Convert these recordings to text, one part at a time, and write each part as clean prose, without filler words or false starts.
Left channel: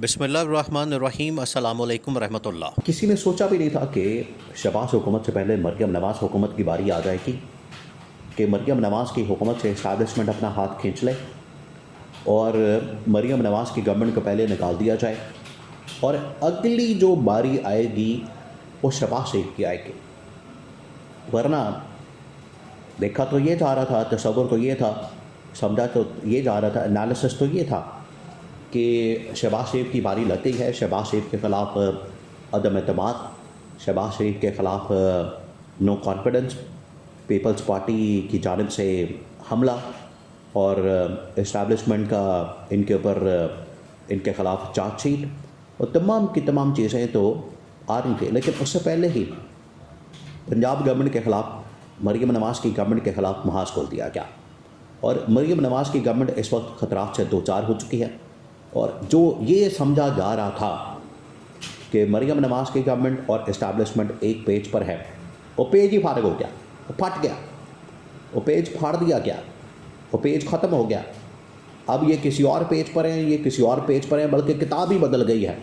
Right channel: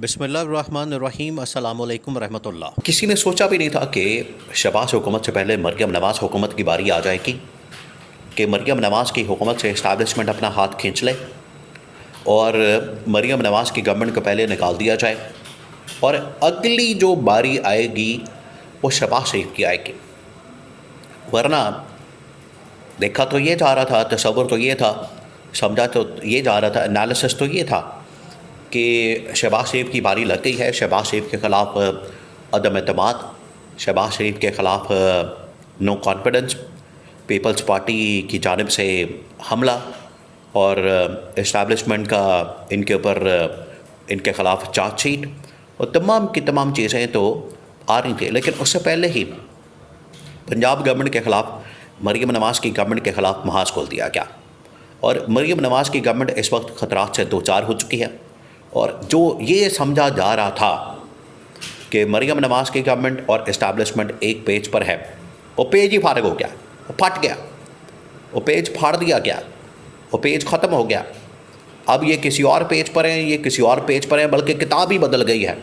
बिस्मिल्लाहिर्रहमानिर्रहीम अस्सलामुअलैकुम रहमतुल्लाह। किसी ने सोचा भी नहीं था कि शहबाज हुकूमत से पहले मरियम नवाज़ हुकूमत की बारी आ जाएगी कि मरियम नवाज़ की हुकूमत से इस्टेब्लिशमेंट अपना हाथ खींच ले और मरियम नवाज़ की गवर्नमेंट को पहले निकाल दिया जाए और अगली जो बारी आएगी वो शहबाज शरीफ की आएगी। वरना देखा तो ये जा रहा था, तसव्वुर तो ये था, समझा तो ये जा रहा था, एनालिसिस तो ये था कि शहबाज शरीफ की बारी लग गई है। शहबाज शरीफ के ख़िलाफ़ अदम एतमाद, शहबाज शरीफ के ख़िलाफ़ नो कॉन्फिडेंस, पीपल्स पार्टी की जानिब से हमला और इस्टेब्लिशमेंट का इनके ऊपर इनके ख़िलाफ़ चार्जशीट और तमाम की तमाम चीज़ें तो आ रही थी। लेकिन उससे पहले ही पंजाब गवर्नमेंट के ख़िलाफ़ मरियम नवाज़ की गवर्नमेंट के ख़िलाफ़ महाज खोल दिया गया और मरियम नवाज़ की गवर्नमेंट इस वक्त ख़तरात से दो चार हो चुकी है। और जो ये समझा जा रहा था कि मरियम नवाज़ की गवर्नमेंट और इस्टेब्लिशमेंट एक पेज पर है, वो पेज ही फारग हो गया, वो फट गया, वो पेज फाड़ दिया गया, वो पेज ख़त्म हो गया। अब ये किसी और पेज पर हैं, ये किसी और पेज पर हैं, बल्कि किताब ही बदल गई है,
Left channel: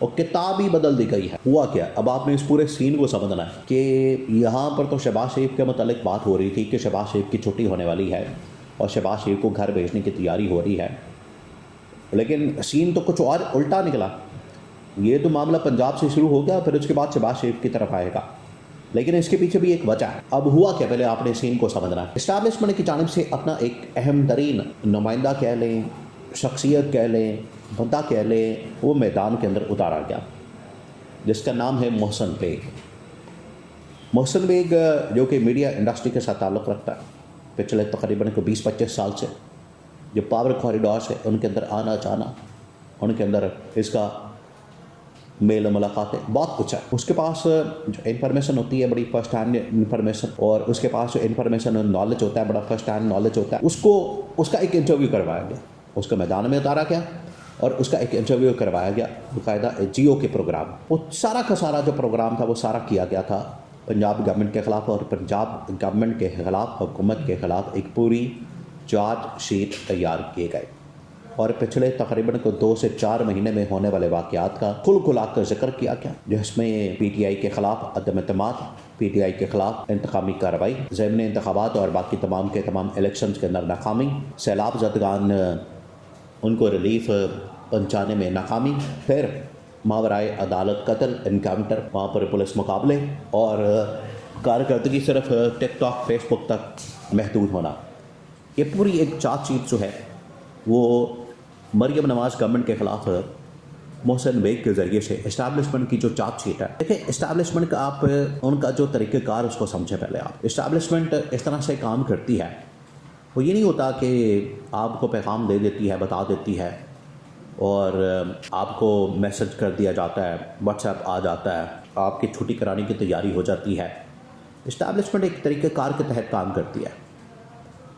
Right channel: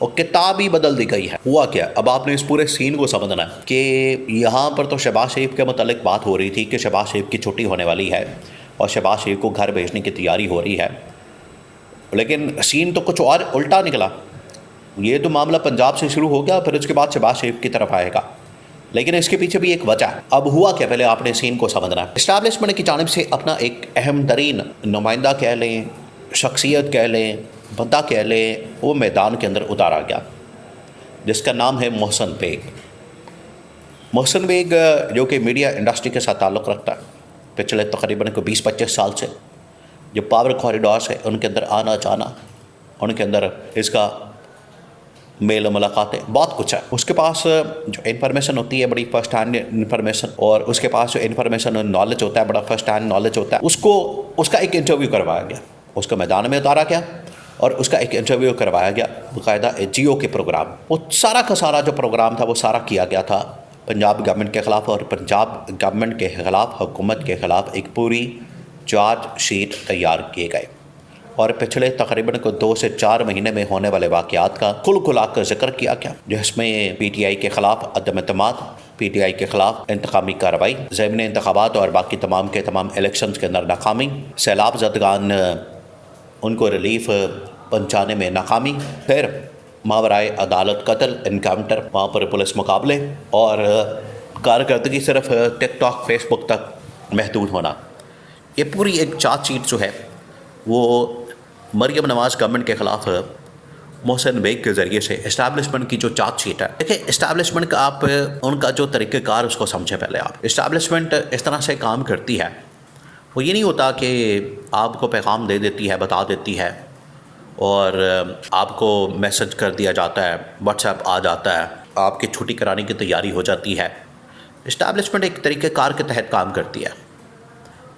और किताब ही बदल दी गई है। हुआ क्या, अब आपने इस पूरे सीन को समझना है कि यहाँ पर तो शहबाज शरीफ के मुतालिक बात हो रही थी कि शहबाज शरीफ की छुट्टी होने वाली है और शहबाज शरीफ को घर भेजने की तैयारी हो रही है, लेकिन सीन तो कुछ और उल्टा निकला। ये तो मामला पंजाब से शुरू हो गया, फिर उसके बाद शहबाज शरीफ की तरफ आएगा, लेकिन इसके पीछे भी एक वजह है। अब हुआ क्या, पहले आपने सीन को समझना है। इस्टेब्लिशमेंट की जानिब से अपना एक अहम तरीन नुमाइंदा कह लें, शख्सियत कह लें, बंदा कह लें, वो मैदान के अंदर उतारा गया, जिसका नाम है मोहसिन बेग। मोहसिन बेग जो कि मीडिया इंडस्ट्री के साथ ताल्लुक़ रखता है पिछले तकरीबन 20-25 साल से, जो पावर कॉरिडोर्स है उनके अंदर आना जाना, उनके अंदर इसका मेल मुलाकातें, बहुत कुछ है उसके पास। जो इन्फॉर्मेशन होती है बड़ी फर्स्ट हैंड इन्फॉर्मेशन, और उसके पास जो इन्फॉर्मेशन नॉलेज होता है बड़ा फर्स्ट हैंड नॉलेज होता है। उसको उसका एक इंटरव्यू करवाया गया, उसको मैदान में उतारा गया और उसका एक इंटरव्यू करवाया गया बाकायदा जियो के प्रोग्राम। वो सारा का सारा जो प्रोग्राम था वो सारा किया गया था पंजाब गवर्नमेंट के ख़िलाफ़, और पंजाब गवर्नमेंट के ख़िलाफ़, हुकूमत के ख़िलाफ़ एक पूरी चार्ज शीट तैयार किए गए और पिछले तकरीबन 2 से 4 महीने में होने वाले वाक़यात का खुला कर जिक्र किया गया, जिसमें PTI के ख़िलाफ़ अदम एतमाद, PTI के ख़िलाफ़ इंतकामी कार्रवाई, ज़मीनी इंतखाबात और बाकी तमाम के तमाम इलेक्शंस के अंदर नाकामी, सैलाब ज़दगान उनको रिलीफ पहुँचाने में नाकामी, फिर मावराए अदालत कत्ल, इनकाउंटर, वहाँ पर पुलिस मुकाबले और कारकर्दगी सिर्फ टिकटॉक फेसबुक तक महदूद होना। ये पूरी एक चार्जशीट जो है वो मरियम नवाज़ गवर्नमेंट के ख़िलाफ़ मोहसिन बेग के ज़रिए से इस्टेब्लिशमेंट की जो चार्जशीट है। देखिए, इस्टेब्लिशमेंट का आप उनका जो तरीक़ेकार उसको समझें पहले आप। इस्टेब्लिशमेंट इस तरह से काम करती है, वो ये नहीं होता कि आपको पैगाम दे देती है, बता देती है और आपको मैसेज कर दिया जाता है, व्हाट्सएप आ जाता है, आपकी छुट्टी कराने की तैयारी हो जाती है। इस्टेब्लिशमेंट एक तरीक़ेकार के तहत काम करती है।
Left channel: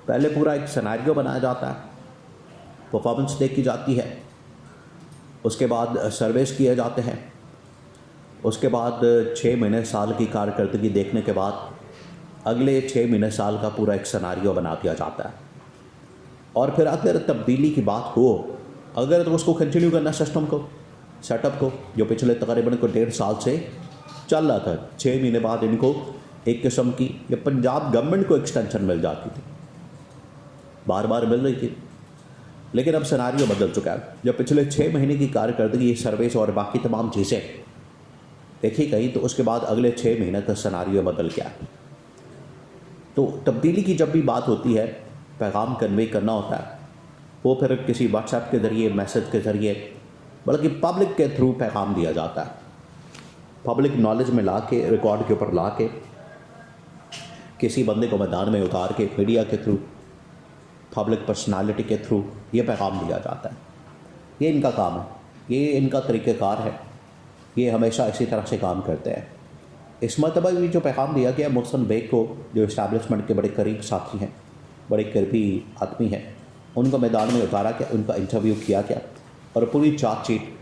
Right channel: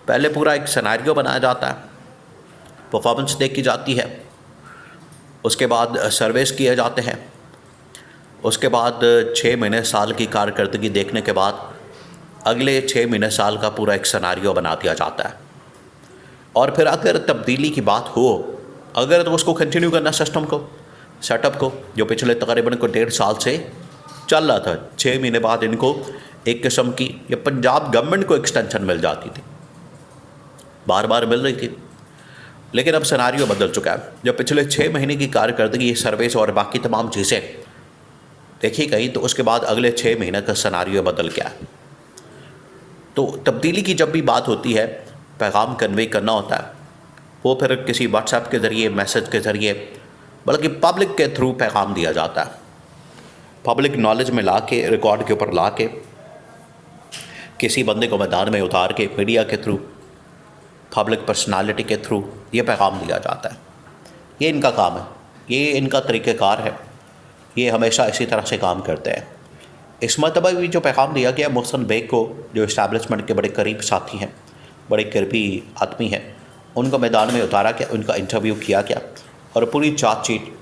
पहले पूरा एक सिनेरियो बनाया जाता है, परफॉर्मेंस देखी जाती है, उसके बाद सर्वेस किए जाते हैं, उसके बाद 6 महीने साल की कारकर्दगी देखने के बाद अगले 6 महीने साल का पूरा एक सिनेरियो बना दिया जाता है। और फिर अगर तब्दीली की बात हो, अगर तो उसको कंटिन्यू करना सिस्टम को, सेटअप को, जो पिछले तकरीबन 1.5 साल से चल रहा था। 6 महीने बाद इनको एक किस्म की या पंजाब गवर्नमेंट को एक्सटेंशन मिल जाती थी, बार बार मिल रही थी, लेकिन अब सिनेरियो बदल चुका है। जब पिछले 6 महीने की कारकर्दगी, सर्विस और बाकी तमाम चीज़ें देखी गई, तो उसके बाद अगले 6 महीने का सिनेरियो बदल गया है। तो तब्दीली की जब भी बात होती है, पैगाम कन्वे करना होता है, वो फिर किसी व्हाट्सएप के ज़रिए, मैसेज के ज़रिए, बल्कि पब्लिक के थ्रू पैगाम दिया जाता है। पब्लिक नॉलेज में ला के, रिकॉर्ड के ऊपर ला के, किसी बंदे को मैदान में उतार के, मीडिया के थ्रू, पब्लिक पर्सनालिटी के थ्रू ये पैगाम दिया जाता है। ये इनका काम है, ये इनका तरीक़ेकार है, ये हमेशा इसी तरह से काम करते हैं। इस मरतबा भी जो पैगाम दिया गया मोहसिन बेग को, जो इस्टेब्लिशमेंट के बड़े करीब साथी हैं, बड़े करीबी आदमी हैं, उनको मैदान में उतारा गया, उनका इंटरव्यू किया गया और पूरी चार्जशीट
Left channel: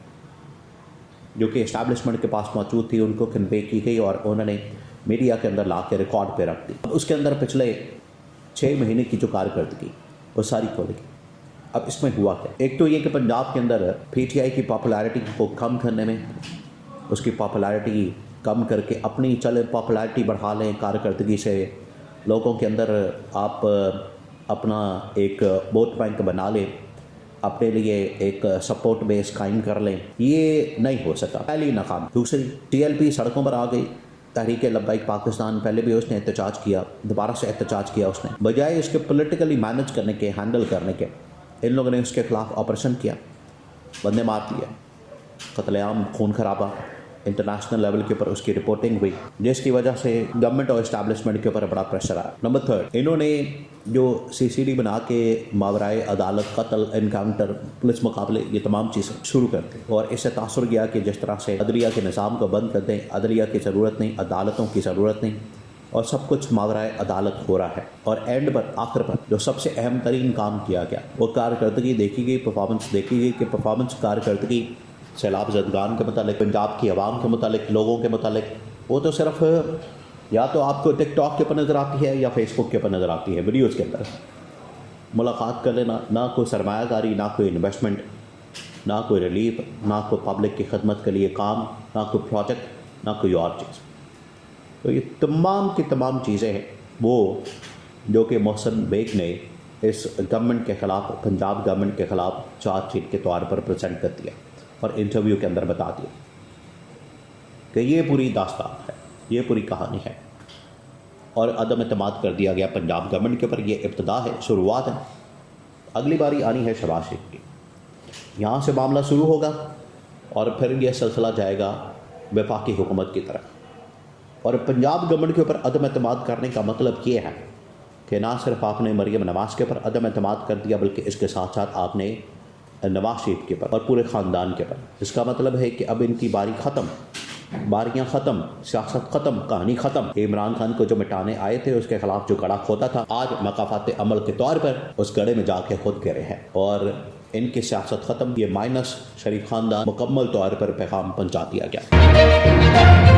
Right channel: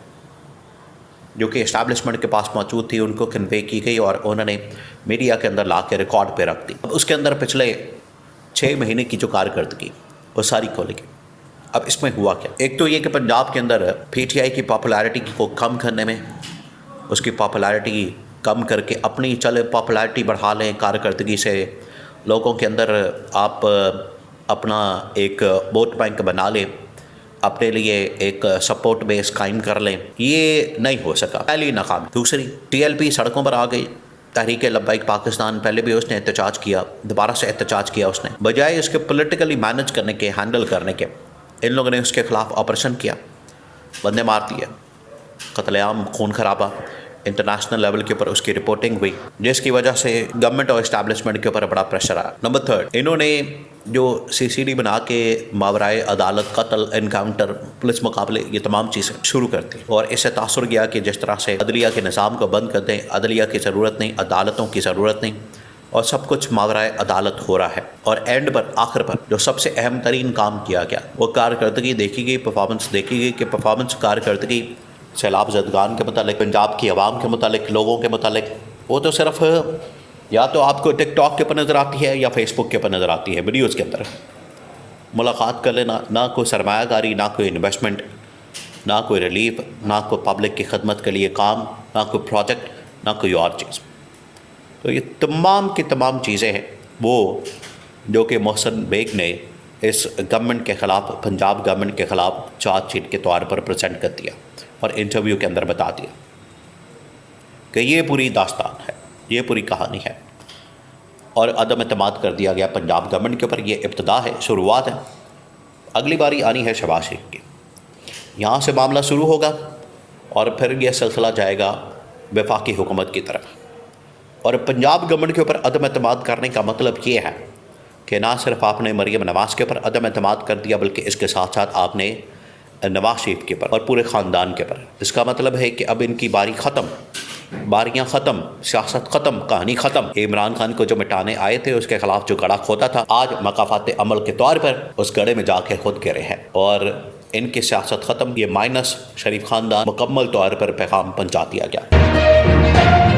जो कि इस्टेब्लिशमेंट के पास मौजूद थी उनको कन्वे की गई और उन्होंने मीडिया के अंदर ला के रिकॉर्ड पे रख दी। उसके अंदर पिछले 6 महीने की जो कारकर्दगी वो सारी खोली गई अब इसमें हुआ क्या? एक तो ये कि पंजाब के अंदर पीटीआई की पॉपुलैरिटी को कम करने में, उसकी पॉपुलैरिटी कम करके अपनी चल पॉपुलैरिटी बढ़ा लें कारकर्दगी से, लोगों के अंदर आप अपना एक वोट बैंक बना लें, अपने लिए एक सपोर्ट बेस कायम कर लें, ये नहीं हो सका, पहली नाकाम। दूसरी, टीएलपी सड़कों पर आ गई, तहरीक लब्बाइक पाकिस्तान, पहले भी उसने एहतजाज किया, दोबारा से एहतजाज किया उसने, बजाय उसके पॉलिटिकली मैनेज करने के, हैंडल करने के, इन लोगों ने उसके खिलाफ ऑपरेशन किया, बंदे मार दिए, कत्लेआम, खून खराबा, इंटरनेशनल लेवल के ऊपर उसकी रिपोर्टिंग हुई, जिसकी वजह से गवर्नमेंट और इस्टेब्लिशमेंट के ऊपर बड़ा प्रेशर आया। नंबर थर्ड, इन्होंने जो सीसीडी बना के मावराए अदालत कत्ल, एनकाउंटर, पुलिस मुकाबले, ये तमाम चीज़ें शुरू कर दी और इससे तासुर गया कि जिस तरह से अदलिया के निज़ाम को बंद कर दें, अदलिया की ज़रूरत नहीं, अदालतों की ज़रूरत नहीं, और सब कुछ मावराए अदालत हो रहा है। और एंड पर, आखिर पर जो सबसे अहम तरीन काम किया गया वो कारकर्दगी देखी गई, परफॉर्मेंस देखी गई कि परफॉर्मेंस कारकर्दगी सैलाब ज़दगान के मुतालिक, पंजाब की आवाम के मुतालिक, लोगों के मुतालिक, वो तो सिर्फ या तो आपको टिकटॉक के ऊपर नज़र आती है या फेसबुक के ऊपर नज़र आती है, वीडियोज़ के अंदर मुलाकात कर लेना, ना कोई सरमायाकारी, ना कोई इन्वेस्टमेंट, ना कोई रिलीफ, ना कोई पब्लिक की खदमत के लिए काम, ना कोई प्रोजेक्ट, ना कोई और चीज़। तो ये तमाम की तमाम चीज़ें हैं वो जो कि मोहसिन बेग ने इस गवर्नमेंट के ख़िलाफ़, पंजाब गवर्नमेंट के ख़िलाफ़ चार्जशीट के तौर पर प्रेजेंट कर दिया और इंटरव्यू के अंदर बता दिया कि ये पूरी दास्तान है, ये पूरी कहानी है और अदम एतमाद कर दिया गया पंजाब गवर्नमेंट के ऊपर। ये इब्तदा है, शुरुआत है, अगली बारी आनी है शहबाज शरीफ की, यहाँ से मामला शुरू होगा और फिर यह सिलसिला जाएगा वफाकी हुकूमत की तरफ। और पंजाब गवर्नमेंट के ऊपर अदम एतमाद करने का मतलब ये है कि ना सिर्फ आपने मरीम नवाज़ के ऊपर अदम एतमाद कर दिया, बल्कि इसके साथ साथ आपने नवाज शरीफ के ऊपर और पूरे ख़ानदान के ऊपर। इसका मतलब है कि अब इनकी बारी ख़त्म, बारियां ख़त्म, सियासत ख़त्म, कहानी ख़त्म। इमरान खान को जो मिटाने आए थे, उसके ख़िलाफ़ जो गड़ा खोता था, आज मकाफात अमल के तौर पर उस गड़े में जाके खुद गिरे हैं और इनकी सियासत ख़त्म। ये माइनस शरीफ ख़ानदान मुकम्मल तौर पर पैगाम पहुँचा दिया गया।